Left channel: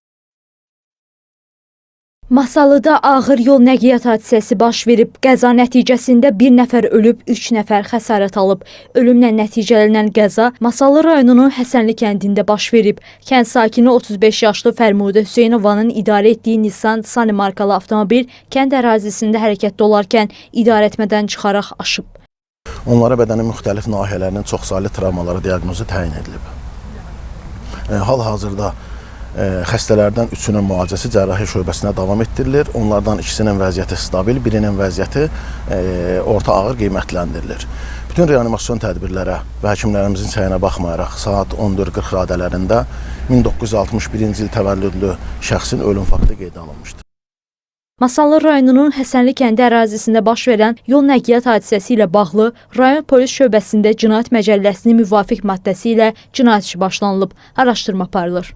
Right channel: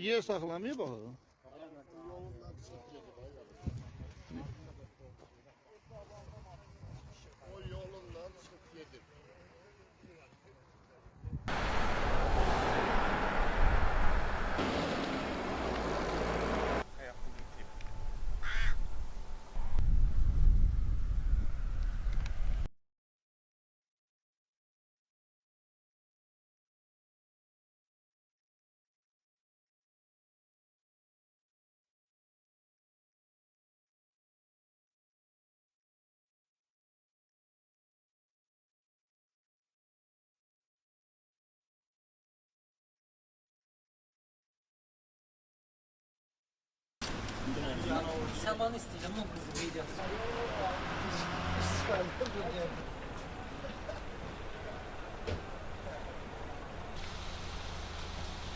yer saxlamayıb axı. Masallıda ağır yol nəqliyyat hadisəsi baş verib. Qəza nəticəsində bir nəfər ölüb, 3 nəfər xəsarət alıb. Ölümlə nəticələnən qəza Masallı rayonunun Həsənli kəndində baş verib. Kənd sakini 35 yaşlı Fərmudə Hüseynovanın idarə etdiyi Nissan Sunny markalı avtomobil kənd ərazisində hərəkətdə olarkən idarəetmədən çıxaraq aşıb. Onlara bədənin müxtəlif nahiyələrinin çoxsaylı travmaları diaqnozu təyin edilib. Hal-hazırda xəstələrdən 3-ünün müalicəsi cərrahi şöbəsinə davam etdirilir. Onlardan 2-sinin vəziyyəti stabil, birinin vəziyyəti orta ağır qiymətləndirilir. Bütün reanimasyon tədbirlərə və həkimlərimizin səyinə baxmayaraq saat 14:40 radələrində 1961-ci il təvəllüdlü şəxsin ölüm faktı qeydə alınmışdır. Masallı rayonunun Həsənli kəndi ərazisində baş verən yol nəqliyyat hadisəsi ilə bağlı rayon polis şöbəsində cinayət məcəlləsinin müvafiq maddəsi ilə cinayət işi başlanılıb, araşdırma aparılır.